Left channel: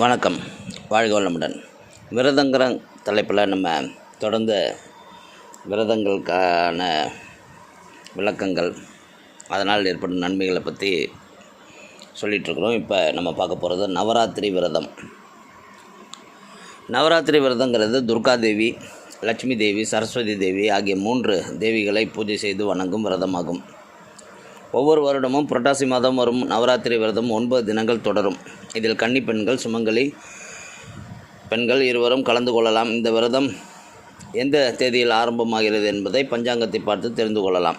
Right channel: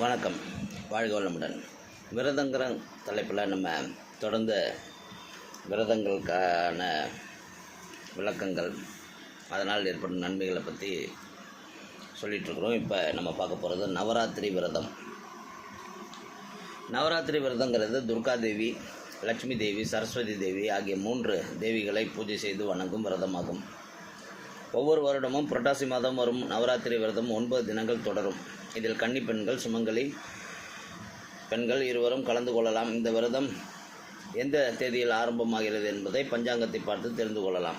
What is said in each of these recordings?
வணக்கம். வாழ்க வளமுடன். விரதங்கிற தலைப்பில் நம்ம தொடர்ந்து விரதங்களுக்கான விளக்கங்கள் அதனால் ஏற்படும் நன்மைகளை பற்றி சொல்லிகிட்ருக்குறோம் இப்போ நம்ம பார்க்க போகிறது நவராத்திரி விரதம். நவராத்திரி விரதங்கிறது துர்காதேவி லட்சுமி தேவி சரஸ்வதி தேவி ஆகிய மூன்று தேவிகளை பூஜை செய்து வணங்கும் விரதமாகும். ஒவ்வொரு வருடமும் புரட்டாசி மாதம் வரும் நவராத்திரி விரதம் ஒன்பது தினங்கள் தொடரும். இதில் கன்னி பெண்கள் சுமங்கலி பெண்கள் இருவரும் கலந்து கொள்ளலாம். இந்த விரதம் எந்த தேதியில் ஆரம்பமாகிறது என்பதை பஞ்சாங்கத்தை பார்த்து தெரிந்து கொள்ளலாம்.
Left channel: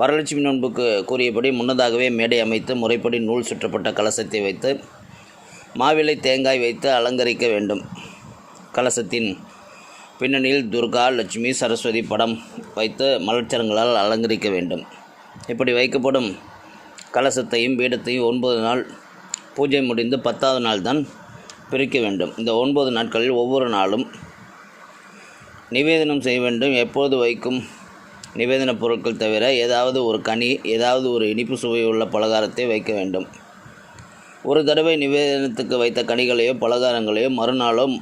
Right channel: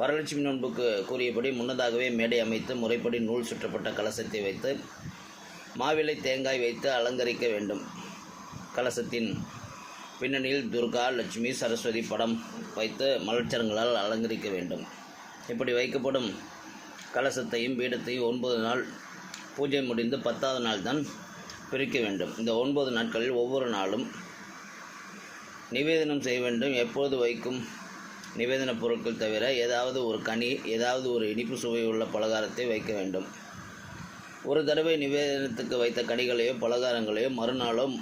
வரலட்சுமி நோன்புக்கு கூறியபடி முன்னதாகவே மேடை அமைத்து முறைப்படி நூல் சுற்றப்பட்ட கலசத்தை வைத்து மாவிலை தேங்காய் வைத்து அலங்கரிக்க வேண்டும். கலசத்தின் பின்னணியில் துர்கா லட்சுமி சரஸ்வதி படம் வைத்து மலர்ச்சரங்களால் அலங்கரிக்க வேண்டும். இப்படி வைக்கப்படும் கலசத்தையும் பீடத்தையும் ஒன்பது நாள் பூஜை முடிந்து பத்தாவது நாள் தான் பிரிக்க வேண்டும். இந்த ஒன்பது நாட்களில் ஒவ்வொரு நாளும் நிவேதனம் செய்ய வேண்டும். எப்போது வைக்கும் நிவேதன பொருட்கள் தவிர ஏதாவது ஒரு கனி ஏதாவது ஒரு இனிப்பு சுவை உள்ள பலகாரத்தை வைக்க வேண்டும். ஒரு தடவை நிவேதனத்துக்கு வைத்த கனிகளையோ பலகாரங்களையோ மறுநாளோ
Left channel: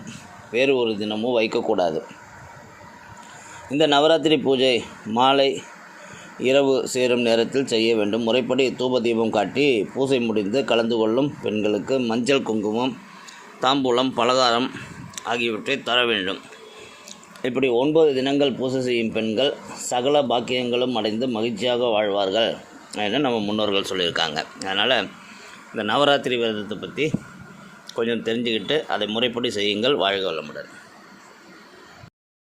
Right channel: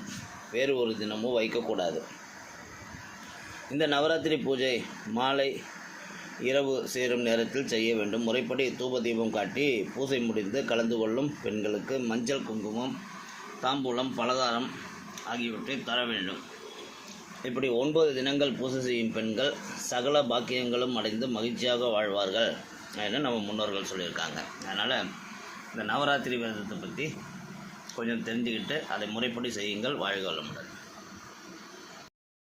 வேறு ஒரு தினமோ வைக்கக்கூடாது. இந்த நவராத்திரி பூஜை மாலை இரவு சேரும் நேரத்தில் செய்ய வேண்டும். முறைப்படி தூப தீபம் காட்டி பூஜை முடிந்து கலந்து கொள்ளும் பெண்களுக்கு மஞ்சள் குங்குமம் தாம்பூலம் பலகாரம் ஆகியவற்றை தர வேண்டும். இப்படி ஒன்பது தினங்கள் பூஜை செய்யும் பெண்கள் சகல பாக்கியங்களும் அடைந்து மகிழ்ச்சியாக வாழ்வார்கள் என்று நம்ம முன்னோர்கள் சொல்லியிருக்காங்க. அதனால் இந்த நவராத்திரி விரதத்தை பற்றி கொஞ்சம் தெரிஞ்சுக்கிட்டு அதை முறைப்படி செய்யுங்கள் வாழ்க வளமுடன்.